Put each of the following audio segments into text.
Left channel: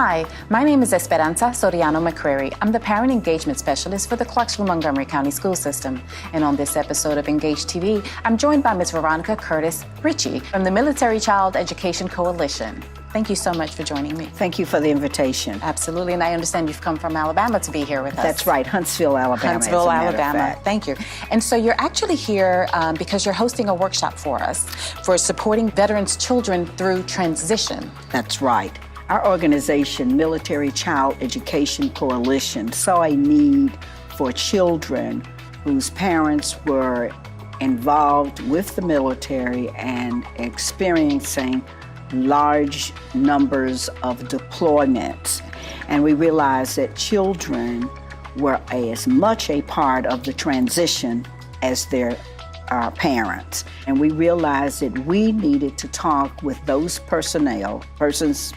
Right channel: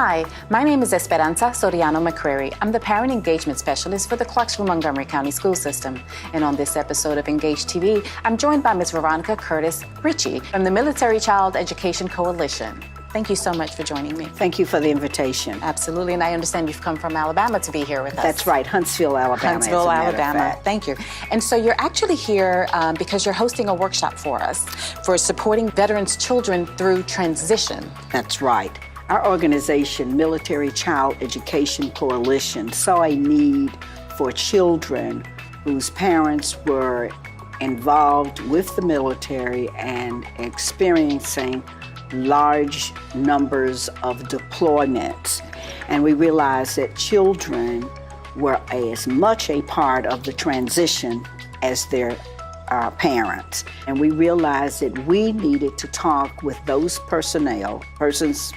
Hi, my name is Esperaza Soriano-McCrary. I'm the Parent Engagement Specialist for the Clarksville-Montgomery County School System. And on this episode of EngageTV, I'm joined by Ms. Veronica Curtis-Ritchie from the Military Child Education Coalition. Thank you so much for joining me. Thank you for the invitation. Absolutely, and I understand you've come from Alabama to be here with us. That's right, Huntsville, Alabama, as a matter of fact. Thank you. And so you're actually here because you're hosting a workshop for us for supporting veterans' children through transition. That's right. Our organization, Military Child Education Coalition, saw a need for children whose parents were involved with the military and experiencing large numbers of deployments. And we realized that children were as much a part of the transition as their parents. And we realized that we needed to talk with those persons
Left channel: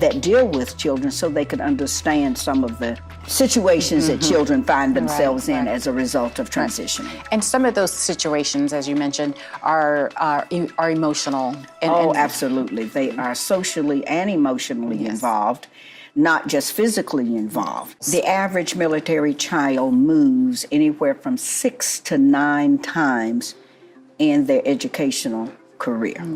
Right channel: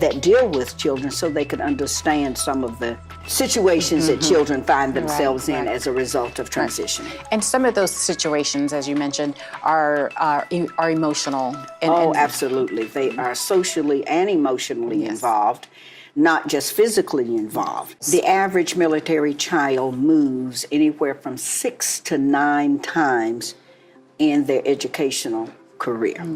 that deal with children so they could understand some of the situations that children find themselves in as a result of transitioning. And some of those situations, as you mentioned, are emotional. Oh, absolutely. They are socially and emotionally involved, not just physically involved. The average military child moves anywhere from 6 to 9 times in their educational career. Okay.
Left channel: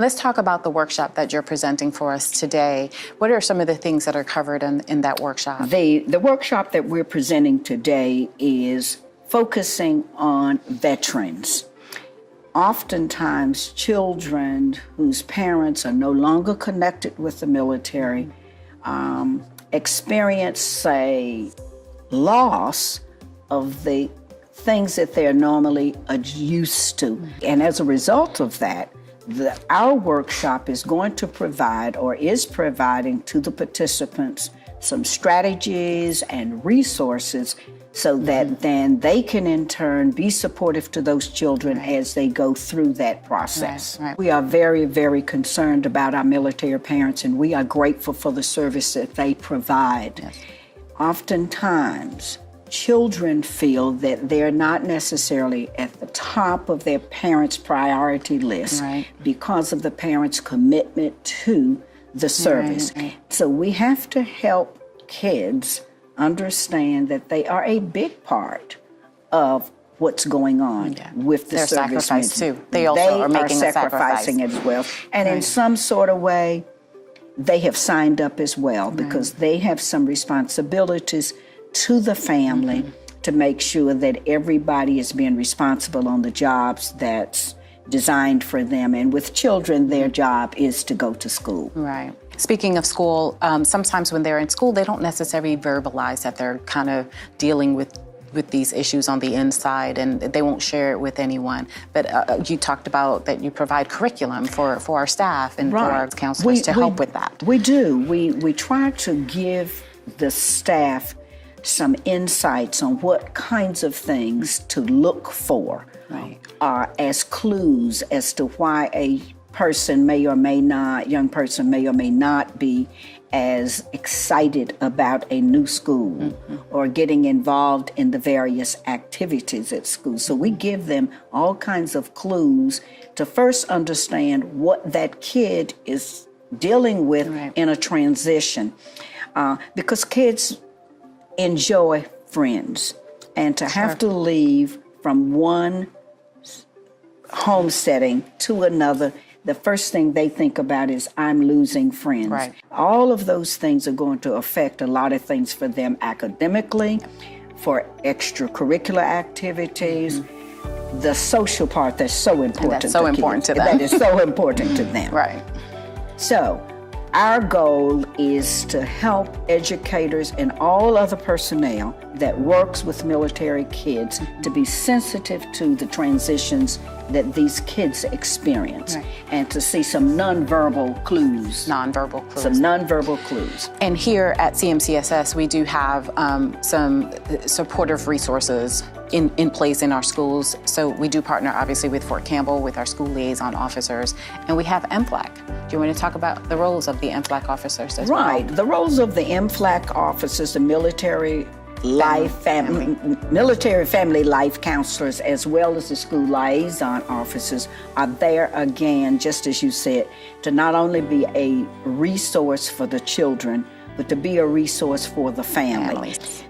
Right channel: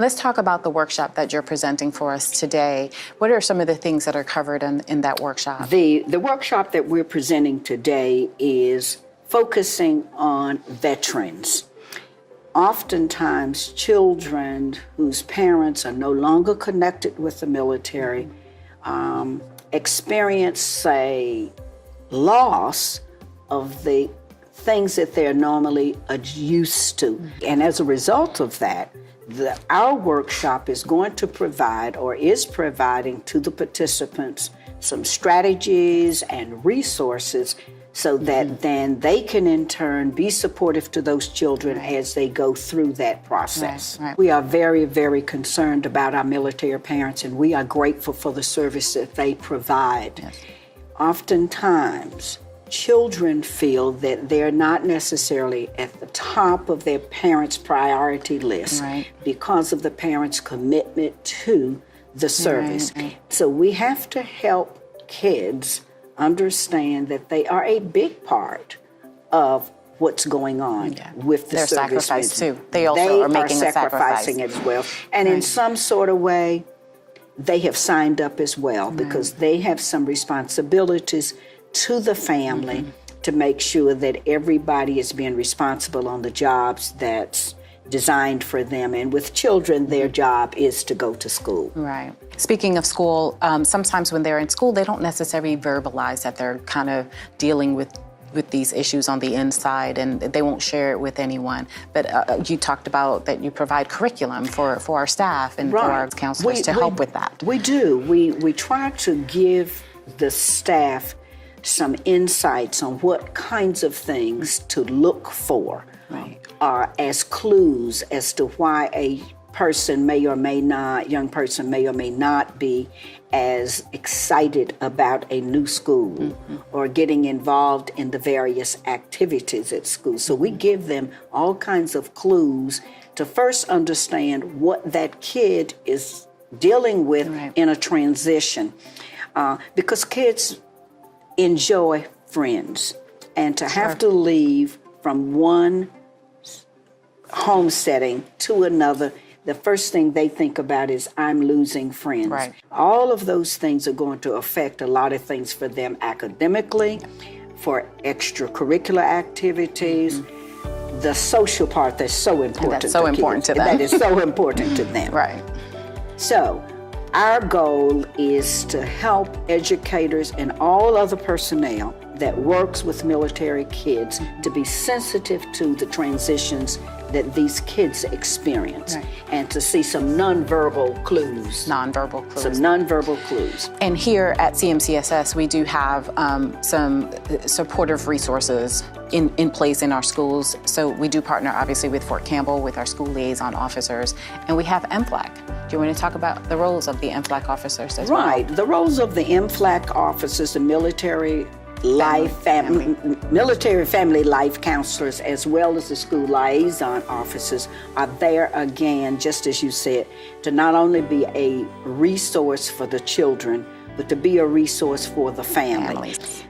Let's talk about the workshop that you're presenting for us today. What are some of the things that are covered in that workshop? The workshop that we're presenting today is focusing on veterans. Oftentimes, children whose parents are no longer connected with the military experience, say, loss of the things that they're normally used to. And as a result of that, our workshop is going to provide or is providing to the participants some strategies and resources so that then they can in turn be supportive to those children as they go through that process. We are very, very concerned about our military parents, and we are grateful for the service that they provide. Oftentimes, children feel that they're not necessarily at the top of their parents' priority list because of the parents' commitment to the service. So we have to help kids understand that they are a big part of what's going on with the servicemen. They are sacrificing it as well. And in some sort of way, they have signed up as well because they have some responsibilities to the family to make sure that everybody is being responsible on the jobs that's designed for them. And with children, their job is to go to school. Speaking of school, sometimes when they're in school, they don't necessarily verbalize that they're kind of dealing with these issues on the inside, and they won't share it with anyone. But you talked about that you provide curriculum for our staff. Right. We do. We try to give the staff some insights on what kinds of things to look for as clues as to why a person may or may not, young person may or may not be as excited about a new school or getting involved in the various activities at school. So we give them all kinds of clues to first understand what that kid is dealing with in a transition. Because kids enjoy friends, and to have to leave from one home setting to another, the first thing they think about is, I'm losing friends. All of those things are going to affect a lot of things for them academically, for extracurricular activities, the social part that's so important to kids, that is so important to them. So our goal is to help educators and all other personnel that works with military kids to be sensitive to the transitions that these kids experience and to see some nonverbal clues. And here at CMCSS, we do have some supportive resources in place in our schools. We do partner closely with the school liaison officers, and we have MFLAC. I'm going to talk about the roles of the MFLAC officers. Right. The roles of the MFLAC officers, the military family life counselors, as well as the school liaison officers, are there again, just as you said, to not only be a resource for the children but to be a resource for the family.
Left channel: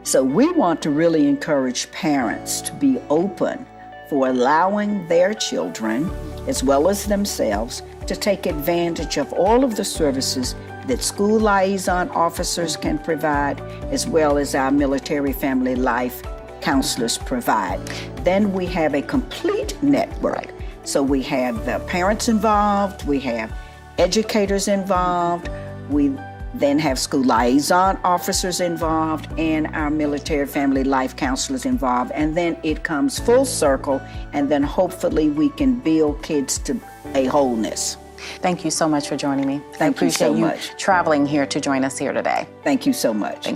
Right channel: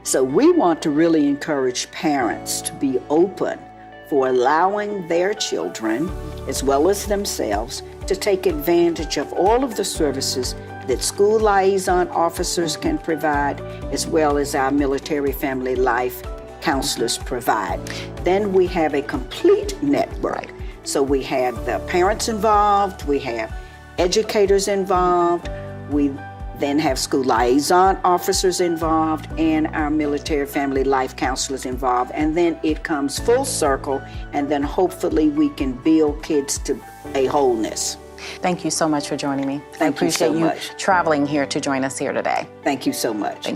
So we want to really encourage parents to be open for allowing their children, as well as themselves, to take advantage of all of the services that school liaison officers can provide, as well as our military family life counselors provide. Then we have a complete network. So we have the parents involved, we have educators involved, we then have school liaison officers involved, and our military family life counselors involved. And then it comes full circle, and then hopefully we can build kids to a wholeness. Thank you so much for joining me. Thank you so much. Traveling here to join us here today. Thank you so much.